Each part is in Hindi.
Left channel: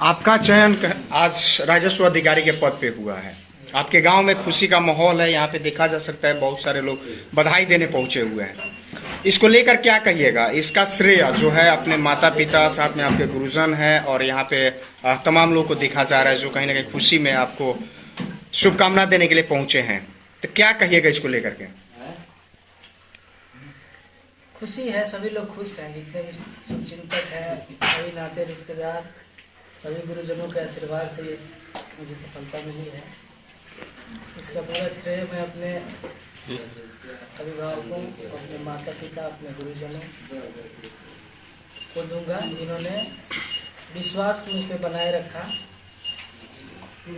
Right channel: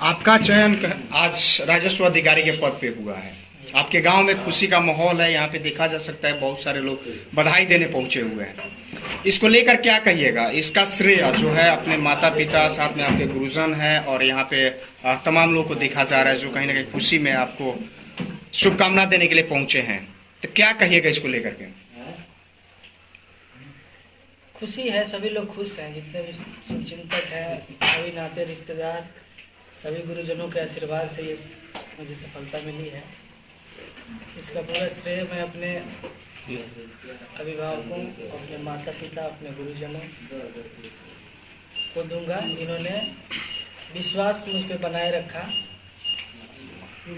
आपका चयन आज राजस्व अधिकारी के पद पे हुआ है। आपके गांव में खुशी का माहौल है, यहाँ पे देखा जा सकता है बहुत सारे लोग बधाई देने पहुंचे हुए हैं। इसको लेकर क्या कहिएगा? इसका श्रेय जो है अपने माता पिता, साथ में आपके गुरुजन है और यहाँ पे तमाम लोग को देखा जा रहा है जो कहीं ना कहीं खुशी में आपको शुभकामना देने के लिए पहुंचे हैं। तो क्या कहिएगा इसको लेकर के? खुशी है, सभी लोग खुश हैं, जितने भी शुभचिंतक हैं, सभी नाते रिश्तेदार, सभी गुरुजनों के आशीर्वाद से ये मुझे सफलता मिली है। इसका पूरा श्रेय मैं अपने अभिभावकों, अपने माता पिता, अपने गुरुजनों को दूंगा, जिन्होंने विश्वास मुझ पे बनाए रखा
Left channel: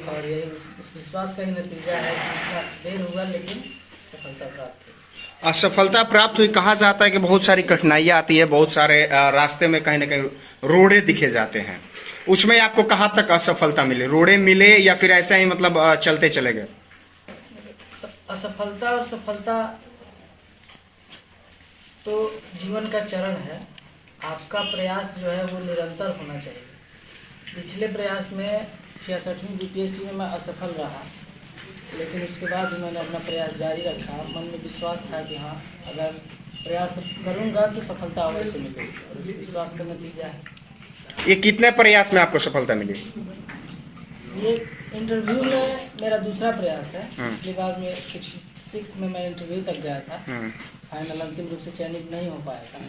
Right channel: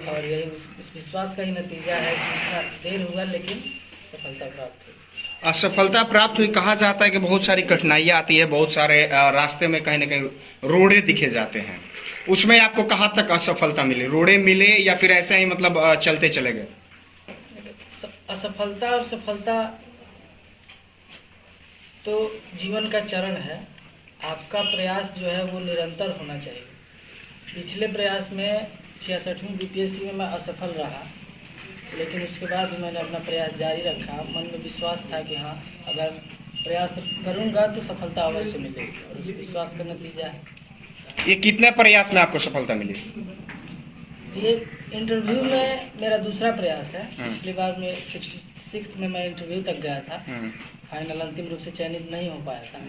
और यही उस विश्वास का ही नतीजा है कि इतना देर हुआ लेकिन सफलता प्राप्त हुई। असफलता प्राप्त हुई, कहा जाता है कि बहुत सारी कठिनाइयां आती है, बहुत सारे रास्ते में कहीं ना कहीं रोड़े दिखे जाते हैं। उसमें आपको कहाँ तक असफलता मिली? रोड़े मिले या फिर ऐसा ही मतलब चलते चले गए? असफलता और सफलता तो जीवन का चरण है। आपका प्रयास जो है वो निरंतर होना चाहिए। पिछले प्रयास में 66वीं बीपीएससी में मैं असफल रहा, लेकिन उसके बाद भी मैंने अपना प्रयास जारी रखा। मन में विश्वास था कि हाँ, अगर प्रयास करूंगा तो सफलता अवश्य मिलेगी और उस विश्वास का नतीजा है। ये कितने प्रयास में आपको सफलता मिली? ये इंटरव्यू में मेरा दूसरा प्रयास है। पिछली बार में 66 में मैं इंटरव्यू तक गया था, फाइनल अंतिम रूप से चयनित नहीं हो पाया था,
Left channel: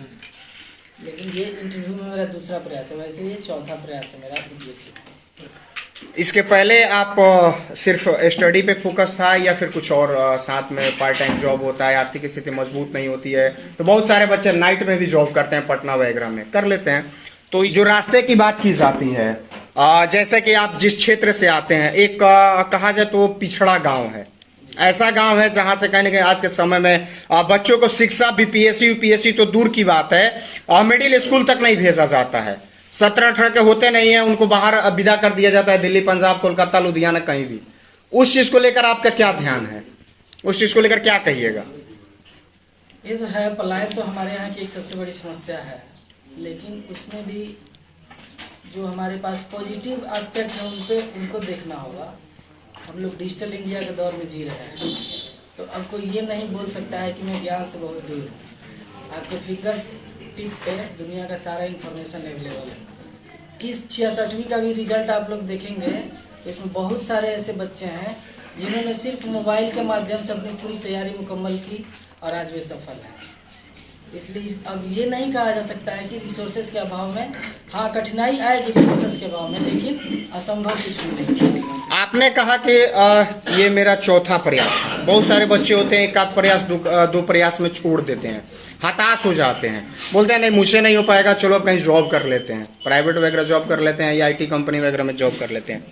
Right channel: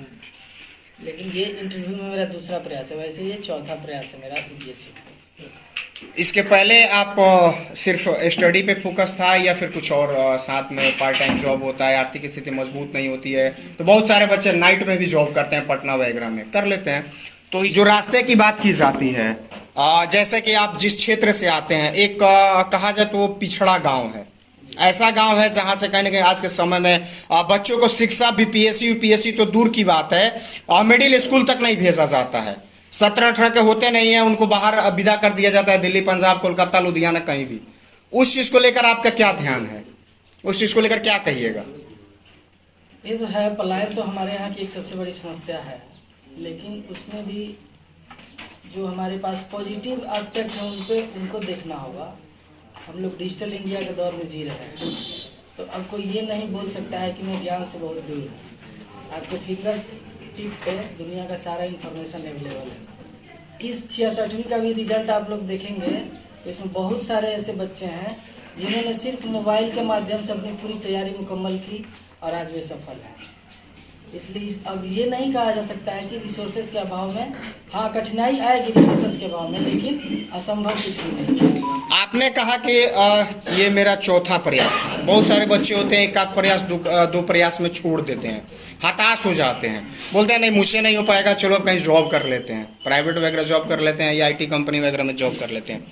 लेकिन ये इंटरव्यू में मेरा दूसरा प्रयास है। वैसे ये चौथा प्रयास है मेरा बीपीएससी। इसके पहले आप सिर्फ स्टडी पे फोकस था या फिर कुछ और साथ में पार्ट टाइम जॉब होता है? आर्थिक स्थिति मजबूत नहीं होती है तो बहुत सारे बच्चे नाइट में भी जॉब करते हैं, पटना वगैरह में कर लेते हैं। तो जो रास्ते की बात की जाती है, जैसे कि आप जिस क्षेत्र से आते हैं, एक कहा जाए तो पिछड़ा गांव है, ऐसा गांव है जहां से कहीं ना कहीं आज के समय में बच्चों को शिक्षा बीपीएससी यूपीएससी तो दूर की बात है, मिडिल स्कूल तक नहीं भेजा जाता है। 17-18 के होते नहीं है, उनको बाहर विदा कर दिया जाता है, दिल्ली, पंजाब, कोलकाता, लुधियाना, कहीं भी। उस चीज को लेकर आपका क्या ध्यान है? उस चीज को लेकर क्या कहिएगा? ये तो है, पलायन तो हमारे यहाँ की एक सबसे बड़ी समस्या है, लेकिन उसमें भी जो हमारे पास पॉजिटिव एस्पेक्ट है उनको देखना होगा। हम लोग डिजिटल इंडिया के दौर में जी रहे हैं, तो अब कोई ये नहीं बोल सकता है कि मैं ज्ञान से बहुत दूर हूँ। आपके फिंगर टिप पे दुनिया का सारा इन्फॉर्मेशन अवेलेबल है। इस 66वीं का भी रिजल्ट आप लोग देखेंगे तो इसमें बहुत सारे ऐसे बच्चे हैं जिन्होंने सिर्फ मोबाइल के माध्यम से अपनी पूरी तैयारी मुकम्मल की और आज वे सफल हैं। इसलिए अब ये नहीं कहा जा सकता है कि रिसोर्सेज के अभाव में, हाँ कठिनाई आएगी रिसोर्सेज के अभाव में, लेकिन असंभव कुछ भी नहीं। आपने कहा कि ये मेरा चौथा प्रयास था। बहुत सारे बच्चे होते हैं एक आध प्रयास दो प्रयास में छोड़ देते हैं, हताश हो जाते हैं, बोलते हैं नहीं मुझसे नहीं हो पाएगा, चलो कहीं जॉब कर लेते हैं, प्राइवेट वगैरह जॉब कर लेते हैं या आईटी कंपनी वगैरह में जॉब कर लेते हैं।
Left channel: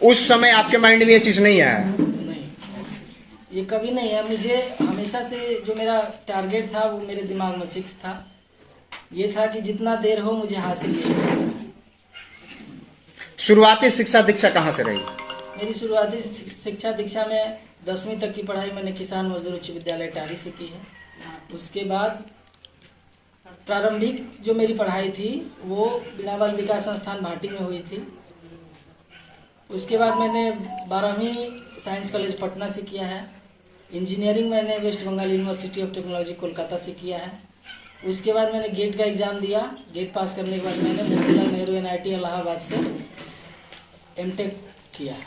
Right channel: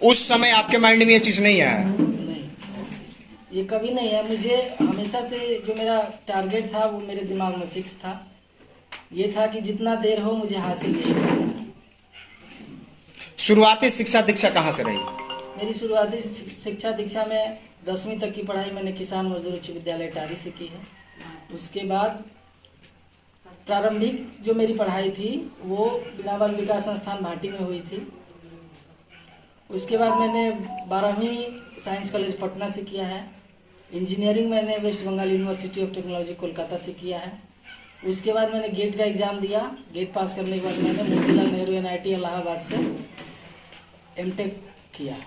उस समय आपके माइंड में ये चीज़ नहीं आया? नहीं, ये कभी नहीं है। मुझे हमेशा से जो मेरा टारगेट था वो मेरे दिमाग में फिक्स था। ये था कि जितना देर हो मुझे हासिल नहीं करना है। शुरुआती शिक्षा दीक्षा कहाँ से रही? मेरी शुरुआती शिक्षा दीक्षा में 10वीं तक की पढ़ाई मैंने किसान मजदूर उच्च विद्यालय टारी से की है। उसके बाद प्रारंभिक जो मेरी पढ़ाई थी वो बिना बाल विकास संस्थान भाटी में हुई थी। उसके बाद मैंने 12वीं साइंस कॉलेज पटना से किया है। इंजीनियरिंग मैंने West Bengal university of technology Kolkata से किया है। उसके बाद मैंने गेट का एग्ज़ाम दिया। गेट पास करने के बाद मैंने मोतीलाल नेहरू एनआईटी इलाहाबाद से एमटेक किया है।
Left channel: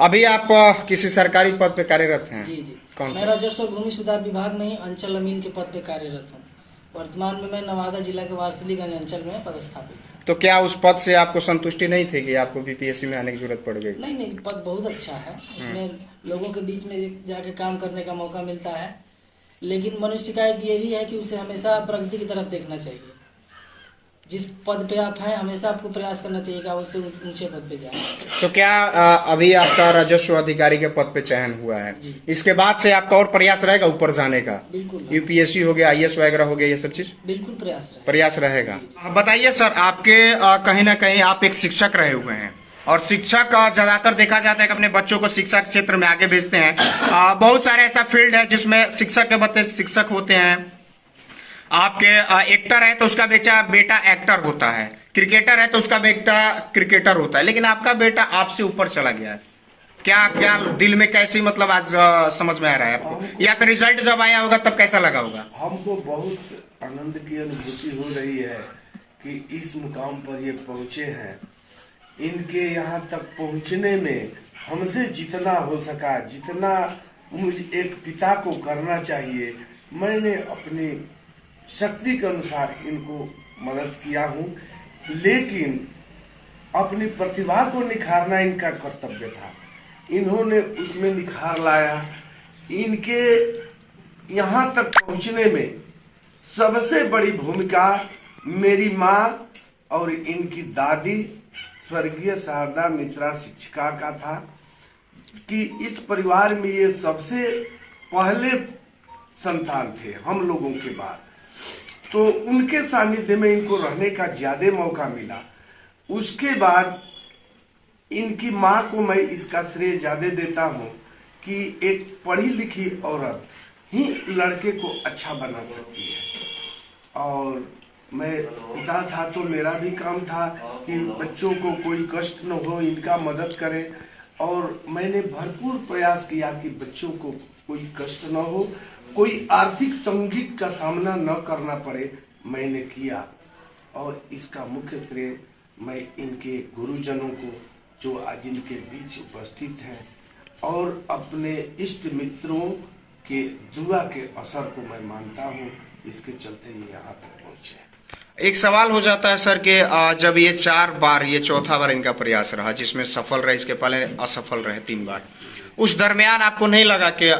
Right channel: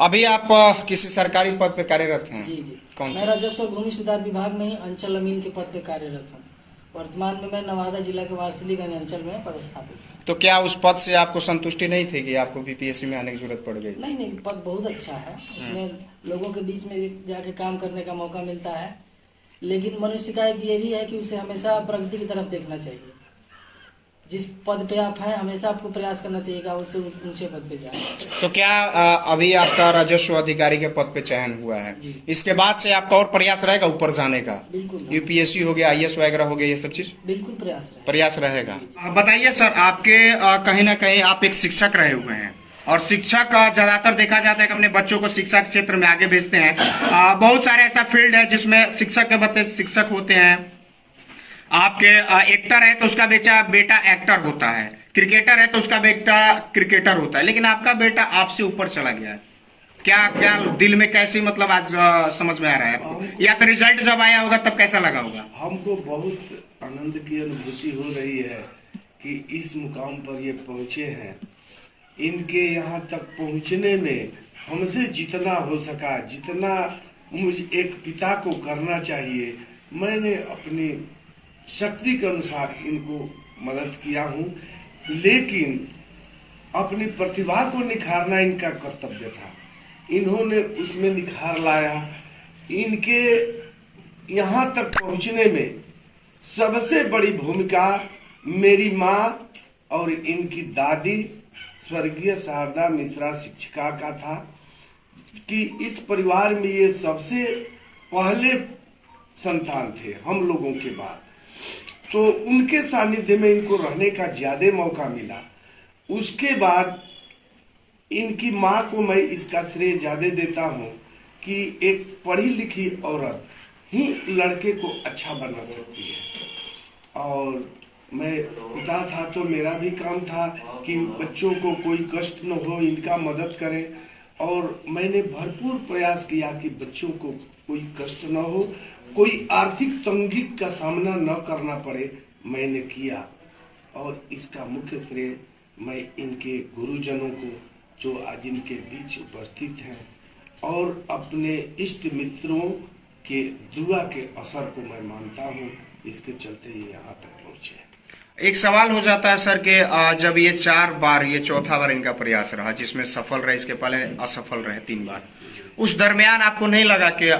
अभी आप किसी सरकारी पद पे कार्यरत हैं? जी जी। कौन सा? मैं राजस्व और भूमि सुधार विभाग में ही अंचल अमीन के पद पे कार्यरत हूँ। वर्तमान में मैं नवादा जिला के वारसिलीगंज अंचल में पदस्थापित हूँ। तो क्या उस पद से आपको संतुष्टि नहीं थी कि आपको बीपीएससी में आने की जरूरत पड़ गई? नहीं, पद बहुत अच्छा है। उसमें लोगों के बीच में जाके काम करने का मौका मिलता है, लेकिन मनुष्य का एक ये भी है कि उसे हमेशा प्रगति की तरफ देखना चाहिए। जिस पद पे आप हैं हमेशा आपको प्रयास करना चाहिए कि आप उससे ऊंचे पद पे जाएं। तो क्या अभी आपका राजस्व अधिकारी के पद पे चयन हुआ है, इसके बाद से आपका और प्रयास रहेगा ऊपर जाने का? बिल्कुल। यूपीएससी हो गया, आईएएस वगैरह हो गया, ये सब चीज बिल्कुल प्रयास रहेगा। बताइए सर, आपके कहीं ना कहीं आप एक शिक्षक रहे हुए हैं और शिक्षक ज्यादातर देखा जाता है कि अपने बच्चों को शिक्षा के क्षेत्र में आगे भेजते हैं। बहुत सारे ऐसा फील्ड है जिसमें शिक्षक के बच्चे शिक्षक होते हैं, आपके एक्टर है तो उसका बेटा एक्टर होता है। क्रिकेटर है तो उसका बेटा क्रिकेटर होता है, लेकिन आपका बेटा आपसे ऊपर चला गया है। क्या क्या दिल में कैसी मतलब आज समझ में आ रहा है आपको, या फिर रिजल्ट जब आया होगा तब कैसा लगा होगा? हमको बहुत आनंद की अनुभूति हो रही है कि इस मुकाम पर ये पहुंचे हैं। इनके यहाँ तक पहुंचने में हमसे जितना हो सका, जितना मुझे एक पिता को करना चाहिए, मैंने अपनी शक्ति के अनुसार इनको मदद किया हूँ। लेकिन अपनी प्रतिभा को निखारना इनका कर्तव्य था, इन्होंने उसमें निखार लाया। इनके यहाँ तक पहुँचने में सबसे बड़ी भूमिका मेरी माँ और इनकी दादी स्वर्गीय शारदा मिश्रा शिक्षिका का था कि इस परिवार में ये सबसे पहले संतान थे हम लोगों के बाद, तो उनके सानिध्य में इनको रहने का ज्यादा मौका मिला। उसके बाद इनकी माँ को मैं इसका श्रेय ज्यादा देता हूँ कि एक पढ़ी लिखी औरत ही लड़के को अच्छा बना सकती है। और मैं पिता था तो मेरा भी काम था कि बच्चों को कोई कष्ट न हो, इनका मदद करें। और मैंने भरपूर प्रयास किया कि बच्चों को कोई कष्ट न हो, कोई आर्थिक तंगी का सामना न करना पड़े, मैंने किया। और इसका मुख्य श्रेय मैं इनके गुरुजनों को जो आज इनके बीच उपस्थित हैं और अपने इष्ट मित्रों के दुआ के असर को मैं मानता हूँ। इसके चलते ये यहाँ तक पहुँचे। एक सवाल हो जाता है सर कि जब ये 4 बार, ये चौथा बार इनका प्रयास रहा जिसमें सफल रहे, इसके पहले असफल रहे 3 बार, उस दरमियान आपको नहीं लगा कि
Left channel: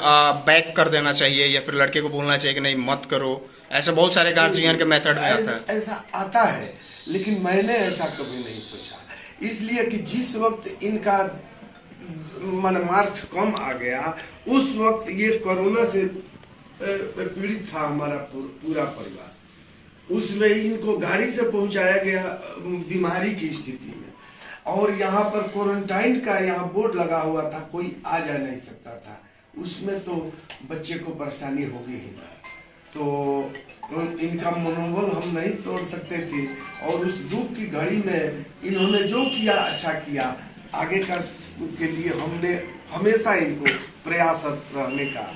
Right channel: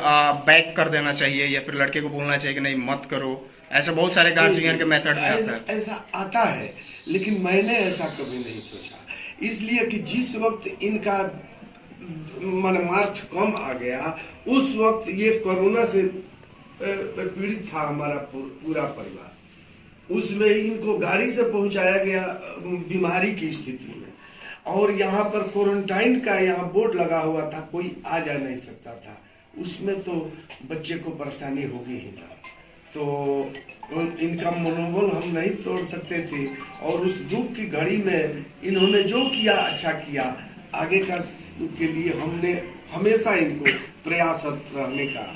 बैक कर देना चाहिए या फिर लड़के को बोलना चाहिए कि नहीं मत करो? ऐसा बहुत सारे गार्जियन के मेथड में आता है। ऐसा आता है, लेकिन मैंने ऐसा कभी नहीं सोचा, इसलिए कि जिस वक्त इनका मनमार्थ कम आ गया, उस वक्त ये कोरोना से पीड़ित था हमारा पूरा परिवार। उसमें इनको गाड़ी से पहुंचाया गया बीमारी की स्थिति में, और यहाँ पर क्वारंटाइन का यहाँ बोर्ड लगा हुआ था, कोई आ जा नहीं सकता था। उसमें तो बच्चे को परेशानी होगी ही ना, तो इनका मनोबल हम नहीं तोड़ सकते थे। और उस दुख की घड़ी में इन्होंने जो किया अच्छा किया। आगे का के लिए हमने हमेशा इनको प्रयासरत रहने का।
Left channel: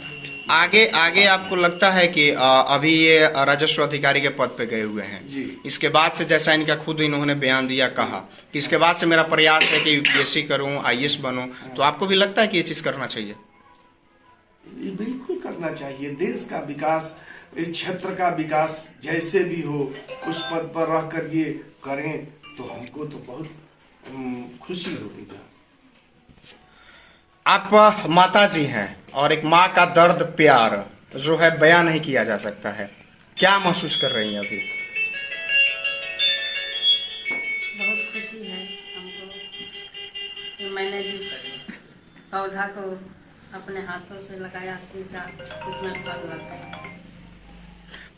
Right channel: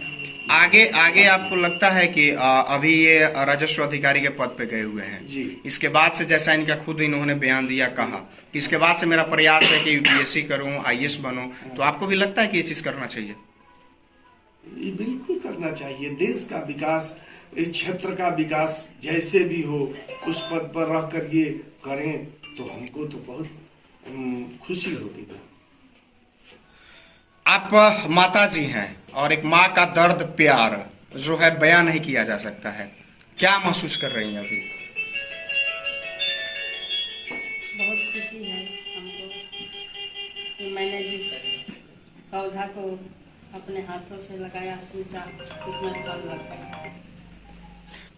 आगे आपको लगता है कि अभी ये राजस्व अधिकारी के पद पे गए हुए हैं जी, इसके बाद से, जैसा इनका खुद इन्होंने बयान दिया, कहा कि इसके बाद से मेरा प्रयास है कि यूपीएससी करूं, आईएएस बनूं, तो आपको भी लगता है कि ये चीज करना चाहिए? ये बिल्कुल करना चाहिए। देश का विकास, इस क्षेत्र का विकास जैसे भी हो, उस पद पर रह कर ये करें तो हमको तो बहुत खुशी होगी ना। आप माता जी हैं और एक माँ का दर्द प्यार जो है बयान नहीं किया जा सकता है, क्या महसूस कर रही हैं अभी? बहुत खुशी है हमको कि मैंने जिस पौधा को अपने हाथों से लगाया, सींचा, उसमें फल लग गया।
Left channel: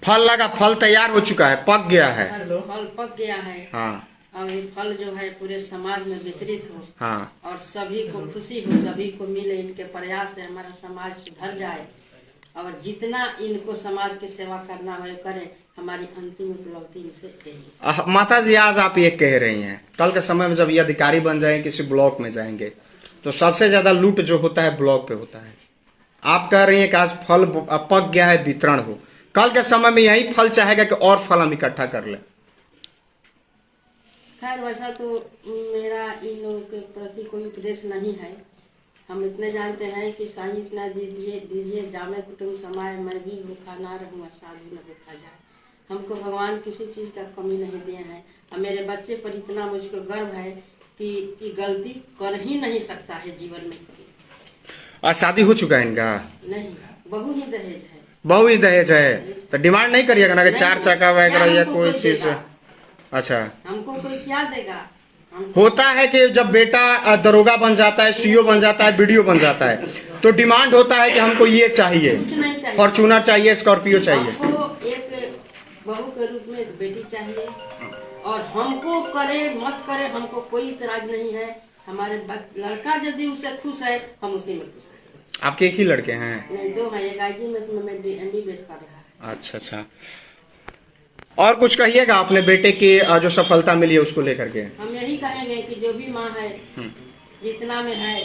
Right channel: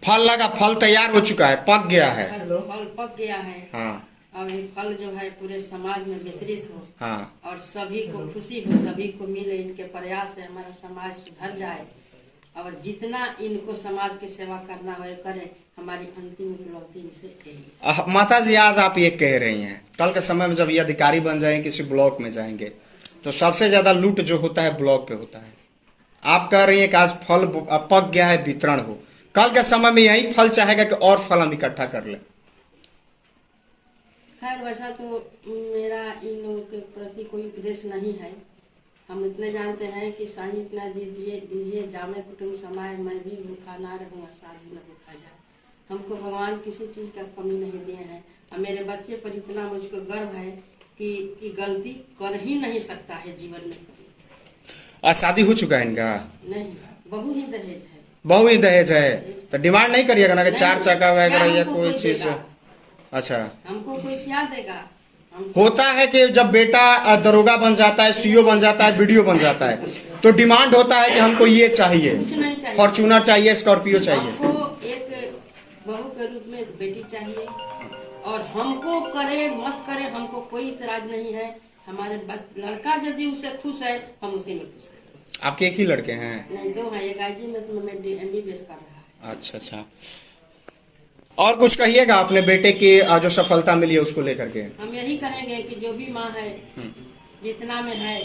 फल लगा, फल तैयार हो चुका है, पक गया है। फल पक गया है। हाँ, और ये फल जो है पूरे समाज में वितरित हो, हाँ, और सभी को खुशी हो, सभी को मिले। इनके प्रयास से हमारा समाज सुधर जाए, और जितना इनको समाज की सेवा करना है करें। हमारी अंतिम उपलब्धि इनसे यही है। माता जी, आज आप ये कह रही हैं, कल के समय में जब ये अधिकारी बन जाएंगे, किसी ब्लॉक में जाएंगे, तो सबसे ज्यादा लूट जो होता है ब्लॉक पे होता है। आप कह रही हैं कि आज फल पक गया है, वितरण हो, कल के समय में यही फल चाहेगा कि और फल हम इकट्ठा कर लें। खैर वैसा तो मेरा इन लोगों के प्रति कोई उपदेश नहीं है। हम इतने जानते हैं कि साईं इतना दीजिए जामे कुटुंब समाए, मैं भी भूखा ना रहूँगा, साधु न भूखा जाए। हमको भगवान किसी चीज का कमी नहीं दिए हैं, और मेरे बच्चे पर इतना मुझको गर्व है कि गलती कर ही नहीं सकता है जीवन में कभी। शादी हो चुका है इनका? नहीं, बहू ही दहेज है। बहू ही दहेज है, तो डिमांड नहीं करिएगा ना कि 4 चक्का वगैरह या कोई चीज? अच्छा, हमको कोई क्या देगा? होता है कि जब बेटा दरोगा बन जाता है, सीओ बन जाता है, बीडीओ बन जाता है, तो डिमांड होता है कि हमको ये चाहिए, कुछ नहीं चाहिए, फॉर्चूनर चाहिए, स्कॉर्पियो चाहिए। हमको एक बहू के रूप में बेटी चाहिए, और हमको करे मत करे हमको कोई इतराज नहीं है। हमारे लड़का यदि उसे खुश है, हम उसी में खुश हैं। आपके एक ही लड़के हैं? नहीं, 2 हैं। एक आईजी में MD कर रहा है। अच्छा। और कुछ कहिएगा अपने बेटे की जो सफलता मिली है उसको लेकर के? हम यही कहेंगे कि जो भी माँ है जितना में है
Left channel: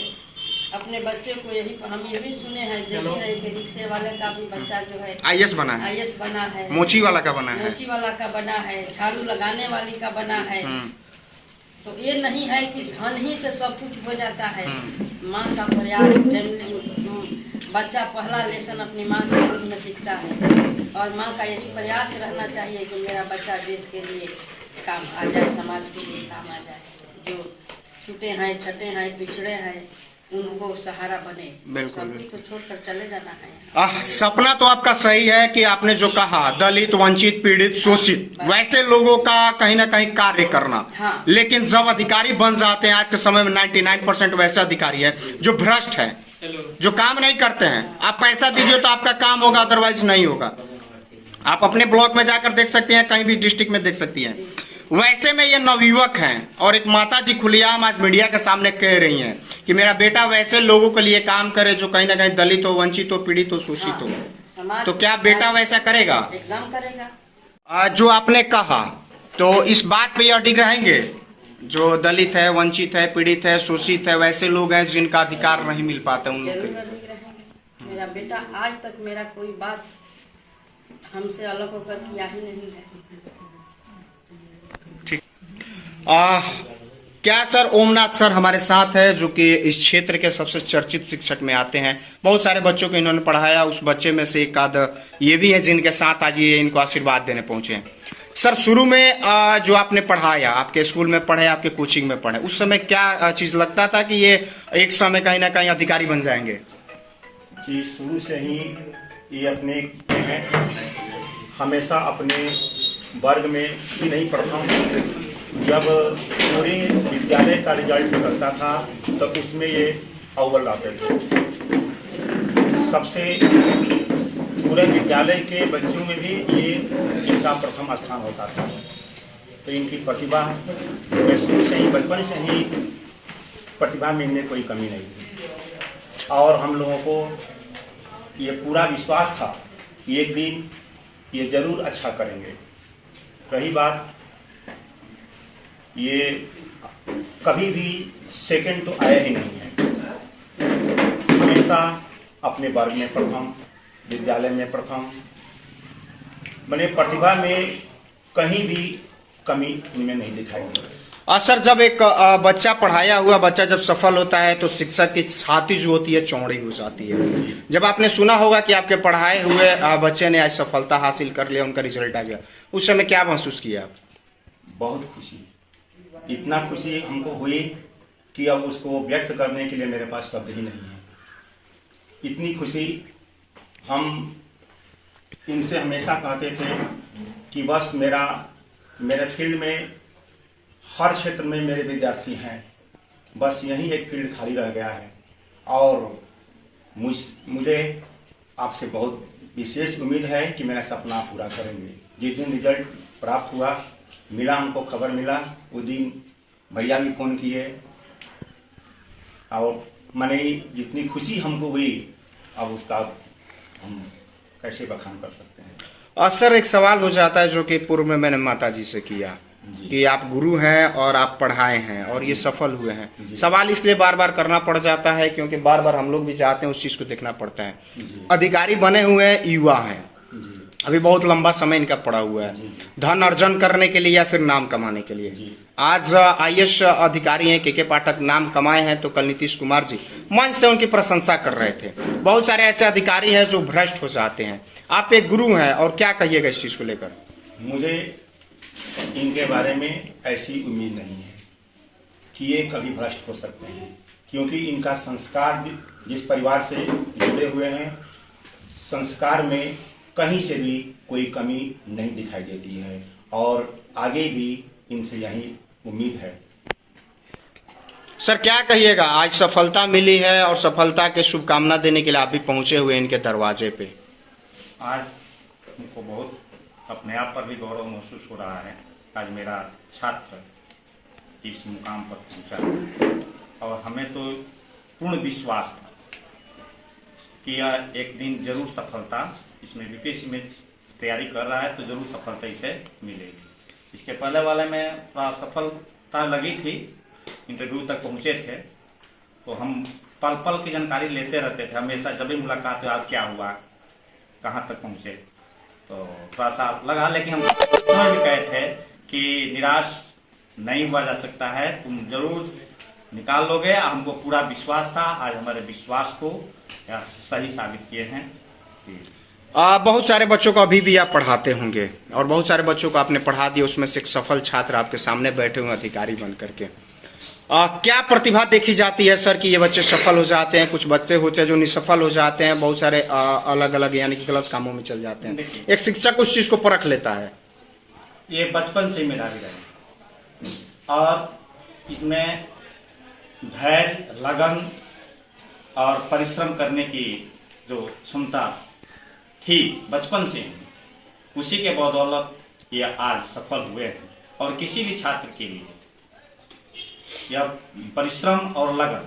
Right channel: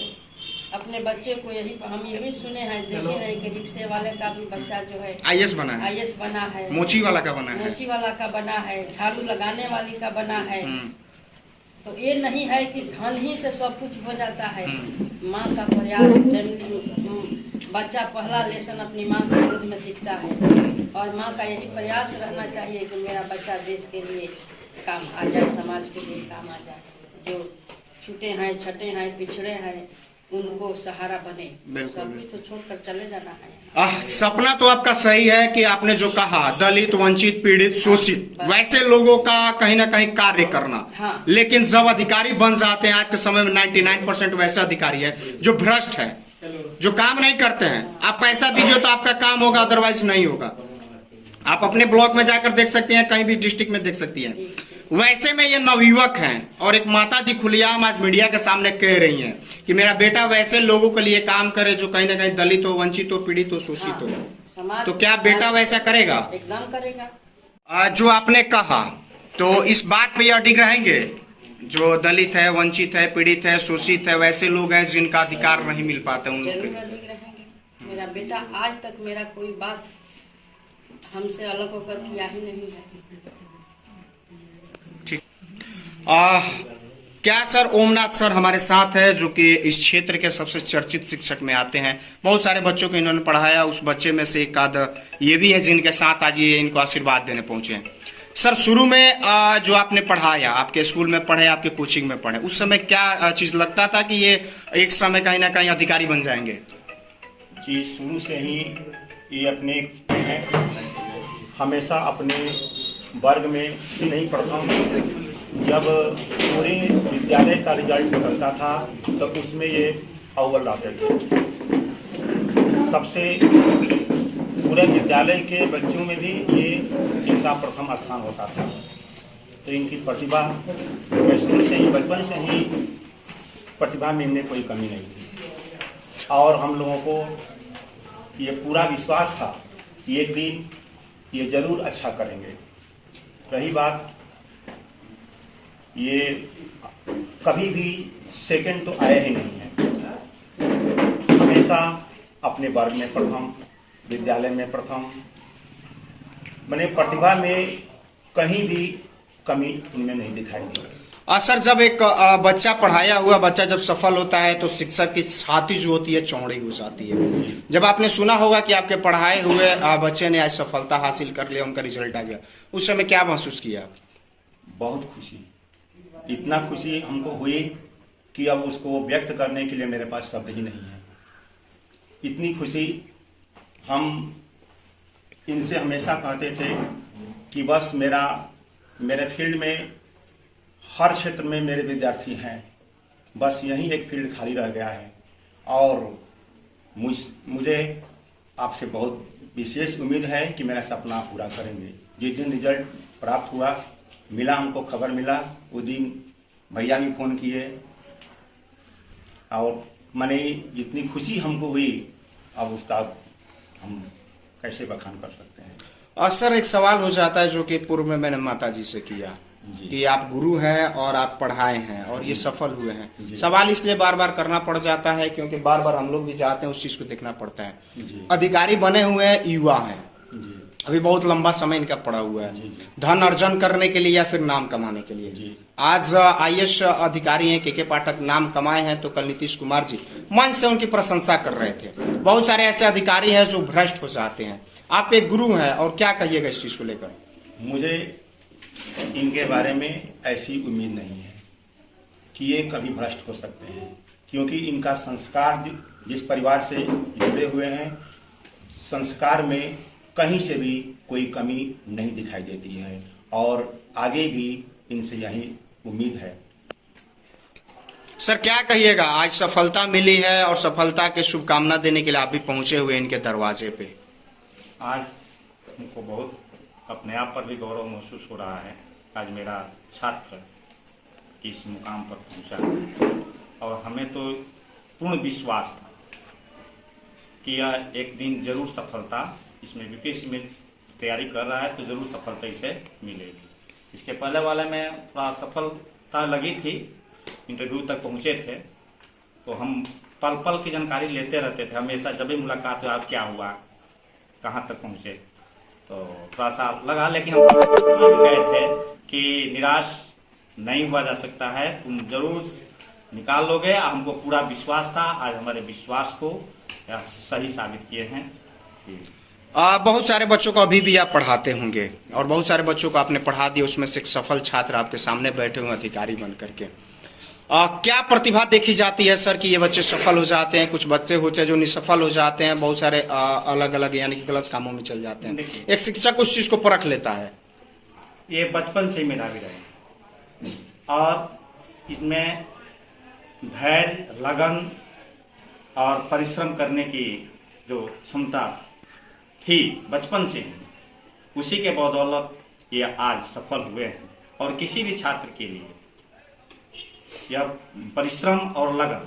अपने बच्चे को यही हम यही सुने हैं देखे हैं कि रिक्शे वाले का भी बच्चा जो है आईएएस बना है, आईएएस बना है, मोची वाला का बना है, मोची वाला का बना है, झाड़ू लगाने वाली का बना है। तो ये नहीं है कि धन ही से सब कुछ हो जाता है। माँ का प्रयास, फैमिली, बच्चा पहला लेसन अपनी माँ के दूध में सीखता है और माँ का यही प्रयास रहना चाहिए कि मेरा बच्चा देश के लिए काम आ जाए, समाज के लिए काम आ जाए। जो छूटे हैं, छटे हैं, पिछड़े हैं, उनको सहारा बने। बिल्कुल, सब कुछ तो छोड़कर चले जाना है। सपना तो आपका सही है कि आपने जो कहा दलित, वंचित, पीड़ित, शोषित वैसे लोगों का कहीं ना कहीं कार्य करना। हाँ। लेकिन जब अधिकारी बन जाते हैं, आज के समय में 99% वैसे अधिकारी है जो भ्रष्ट है, जो काम नहीं करते हैं। आप पैसा दीजिए तो आपका काम होगा, अदरवाइज नहीं होगा। आप अपने ब्लॉक में जाकर देख सकते हैं, कहीं भी डिस्ट्रिक्ट में देख सकती हैं। वैसे में ये नवयुवक हैं और एक माता जी खुलेआम आज मीडिया के सामने कह रही हैं कि मेरा बेटा वैसे लोगों के लिए काम करे जो कहीं ना कहीं दलित हो, वंचित हो, पीड़ित हो, शोषित हो। तो क्या बेटा वैसा करेगा? एकदम करेगा। जो आपने कहा तो इस बात पे अडिग रहेंगे, जो दलित है, वंचित है, पीड़ित है, शोषित है, वैसे लोग हैं जिनका अधिकार नहीं मिल पाता उन लोग जरूर अडिग रहेंगे। मेरा बेटा आज तक मेरा कोई बात हमसे अलग होकर किया ही नहीं है। ठीक। क्या सर ओमनाथ सर हमारे साथ है जो कि इस क्षेत्र के सबसे चर्चित शिक्षक में आते हैं। बहुत सारे बच्चों को इन्होंने पढ़ाया, उस बच्चे में से एक आध ये भी है जिनके साथ आज ये इनको आशीर्वाद देने पहुंचे हैं। सर शुरू में जो आपने पढ़ाया, आपके स्कूल में पढ़े, आपके कोचिंग में पढ़े, उस समय क्या चीज लगता था कि ये एक समय कहीं ना कहीं अधिकारी बन जाएंगे? जी, शुरू से ही ये अपने हमेशा अपने वर्ग में ही नहीं पढ़ता हूँ। जब पूरे विद्यालय का रिजल्ट निकलता था तब तो उसमें ये अव्वल आते थे। सबसे पूरे विद्यालय के बच्चों में भी ये इनका प्रथम स्थान होता था। तो इनकी प्रतिभा शुरू से ही, बचपन से ही प्रतिभा में इनमें कोई कमी नहीं थी और हम लोगों को ये पूरा विश्वास था कि एक दिन ये जरूर अच्छा करेंगे। रही बात, ये कभी भी सेकंड तो आया ही नहीं है। हमेशा अपने वर्ग में प्रथम, विद्यालय में प्रथम, मैंने प्रतिभा में कहीं भी कमी इनमें नहीं दिखाई दी। सर जब एक बच्चा, पढ़ाया हुआ बच्चा जब सफल होता है तो शिक्षक की छाती जो होती है चौड़ी हो जाती है। जब आपने सुना होगा कि आपके पढ़ाए हुए बच्चे ने आज सफलता हासिल कर लिया, उनका रिजल्ट आ गया, उस समय क्या महसूस किया? बहुत खुशी, इतना खुशी हमको हुई कि अब उसको व्यक्त करने के लिए मेरे पास शब्द ही नहीं है। इतनी खुशी, हम इनसे हमेशा कहते थे कि बस मेरे फील्ड में हर क्षेत्र में मेरे विद्यार्थी हैं, बस यही एक फील्ड खाली रह गया है और मुझे आपसे बहुत विशेष उम्मीद है कि मेरा सपना पूरा करेंगे। जिस दिन रिजल्ट प्राप्त हुआ, मिला, हमको खबर मिला, उस दिन भैया भी फोन किए और मैंने जितनी खुशी हमको हुई अब उसका हम कैसे बखान कर सकते हैं। सर एक सवाल हो जाता है जो कि पूर्व में मैंने माता जी से किया कि आप गुरु हैं और आप पढ़ाए हैं और ये सफल हुए हैं। सवाल इसलिए बार बार करना पड़ जाता है क्योंकि बार बार हम लोग भी चाहते हैं, उस चीज को देखना पड़ता है। अधिकारी बने हुए हैं, युवा हैं, अभी बहुत लंबा समय इनका पड़ा हुआ है, धन अर्जन करने के लिए या फिर नाम कमाने के लिए। आज आईएएस अधिकारी हैं के पाठक, नाम कमाए हैं, तो कल नीतीश कुमार जी मन से उनकी प्रशंसा कर रहे थे। बहुत सारे ऐसे अधिकारी हैं जो भ्रष्ट हो जाते हैं। आप एक गुरु हैं और क्या कहिएगा इस चीज को लेकर? मुझे इनके बारे में ऐसी उम्मीद नहीं है कि ये कभी भ्रष्ट हो सकते हैं, क्योंकि इनका संस्कार जिस परिवार से जुड़े हुए हैं, संस्कार में कहीं से भी कोई कमी नहीं दिखाई देती है और आगे भी इनसे यही उम्मीद है। सर क्या कहिएगा, आज सफलता मिली है और सफलता के शुभकामना देने के लिए आप भी पहुंचे हुए इनके दरवाजे पे। आज हमको बहुत अपने आप पर भी गौरव महसूस हो रहा है। आज मेरा छात्र इस मुकाम पर पहुंचा और हमें तो पूर्ण विश्वास था कि यह एक दिन जरूर सफलता इसमें यूपीएससी में तैयारी कर रहा है तो जरूर सफलता इसे मिलेगी। इसके पहले वाले में थोड़ा सफलता लगी थी, इंटरव्यू तक पहुंचे थे, तो हम पल पल की जानकारी लेते रहते थे हमेशा। जब भी मुलाकात हुआ क्या हुआ, कहाँ तक पहुंचे, तो थोड़ा सा लगा। लेकिन हम उसमें भी कहे थे कि निराश नहीं हुआ जा सकता है, तुम जरूर निकाल लोगे। हमको पूरा विश्वास था, आज हमारे विश्वास को यह सही साबित किए हैं। बहुत सारे बच्चों को अभी भी आप पढ़ाते होंगे और बहुत सारे बच्चों को आपने पढ़ा दिया, उसमें से एक सफल छात्र आपके सामने बैठे हुए अधिकारी बन करके। क्या प्रतिभा देखी जाती है सर कि ये बच्चे सफल हो जाते हैं? कुछ बच्चे होते हैं जो निसफल हो जाते हैं, बहुत सारे अलग अलग यानी कि गलत कामों में चल जाते हैं। एक शिक्षक उस चीज को परख लेता है। ये बचपन से ही मेरा भी रहा और इसमें धैर्य, लगन और परिश्रम करने की जो क्षमता थी बचपन से ही, उसी के बदौलत ये आज सफल हुए हैं। और किसी भी छात्र के लिए यह परिश्रम और लगन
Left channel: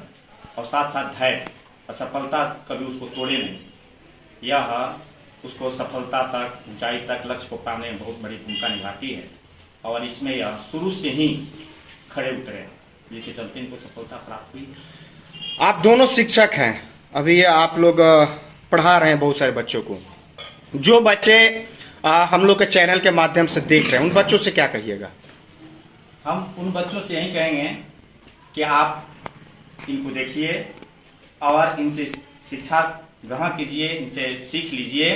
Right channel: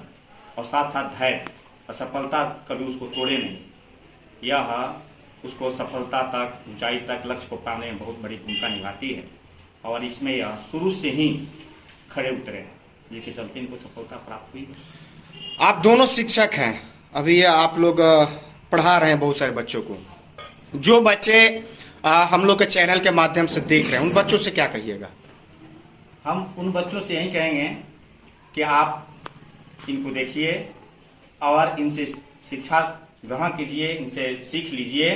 और साथ साथ धैर्य, असफलता कभी उसको तोड़े नहीं, यह उसको सफलता तक, ऊंचाई तक, लक्ष्य को पाने में बहुत बड़ी भूमिका निभाती है। और इसमें यह शुरू से ही खड़े उतरे, जिसके चलते इनको सफलता प्राप्त हुई। आप दोनों शिक्षक हैं, अभी आप लोग पढ़ा रहे हैं बहुत सारे बच्चों को। जो बच्चे हम लोग के चैनल के माध्यम से देख रहे हैं, उन बच्चों से क्या कहिएगा? हम उन बच्चों से यही कहेंगे कि आप इनको देखिए और इनसे शिक्षा ग्रहण कीजिए, इनसे सीख लीजिए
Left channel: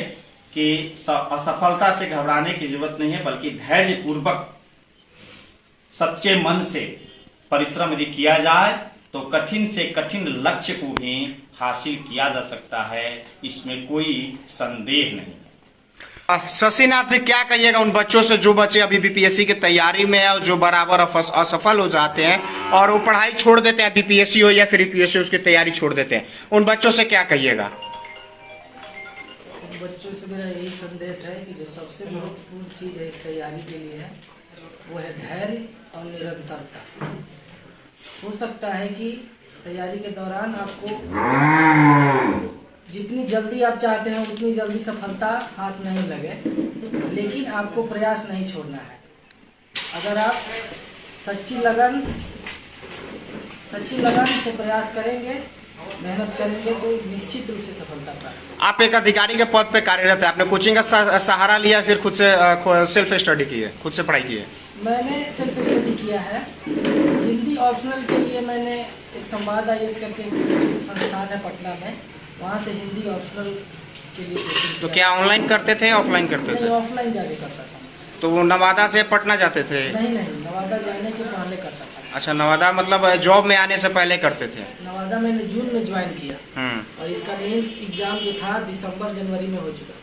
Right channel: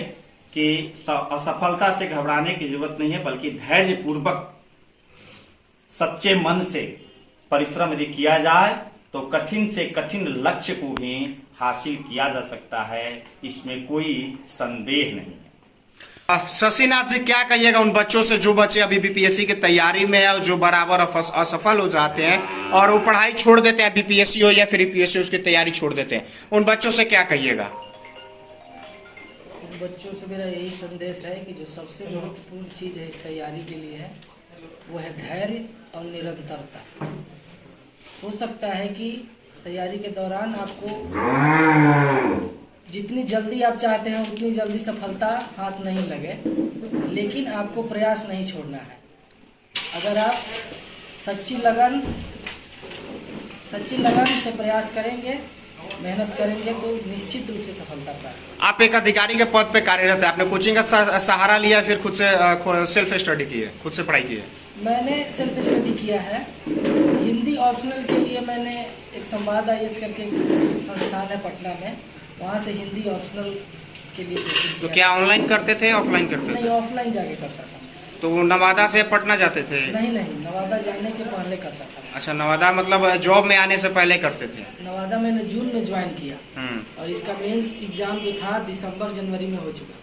कि असफलता से घबराने की जरूरत नहीं है, बल्कि धैर्य पूर्वक सच्चे मन से परिश्रम यदि किया जाए तो कठिन से कठिन लक्ष्य को भी हासिल किया जा सकता है, इसमें कोई संदेह नहीं। शशिनाथ जी, क्या कहिएगा उन बच्चों से जो बच्चे अभी बीपीएससी की तैयारी में है और जो बराबर असफल हो जाते हैं और वो पढ़ाई छोड़ देते हैं, बीपीएससी हो या फिर यूपीएससी उसकी तैयारी छोड़ देते हैं, उन बच्चों से क्या कहिएगा? उन बच्चों से मेरा यही संदेश है कि जो सबसे महत्वपूर्ण चीज है इस तैयारी के लिए है, वो है धैर्य और निरंतरता। हो सकता है कि तैयारी के दौरान आपको जितनी जल्दी आप चाहते हैं उतनी जल्दी सफलता हाथ नहीं लगे, लेकिन आपको प्रयास नहीं छोड़ना है। अगर आप सच्ची लगन से प्रयास करेंगे, मेहनत करेंगे तो निश्चित रूप से सफलता प्राप्त। आप एक अधिकारी के पद पे कार्यरत है, आपने कोचिंग का सहारा लिया, फिर खुद से सेल्फ स्टडी की है, खुद से पढ़ाई की है? मैंने सेल्फ स्टडी किया है। हिंदी ऑप्शनल के लिए मैंने एक संवाद IAS करके संस्थान है पटना में, वहाँ से हिंदी ऑप्शनल के लिए कोचिंग। तो क्या ऑनलाइन करते थे, ऑफलाइन करते नहीं, थे? ऑफलाइन जाके करता था। तो वो नवादा से पटना जाते थे? नहीं, नवादा जाने के पहले करता था। अच्छा, नवादा मतलब जॉब में आने से पहले करते थे? नवादा मैंने जून में ज्वाइन किया और इसका मेंस एग्जाम जो था दिसंबर जनवरी में हो चुका।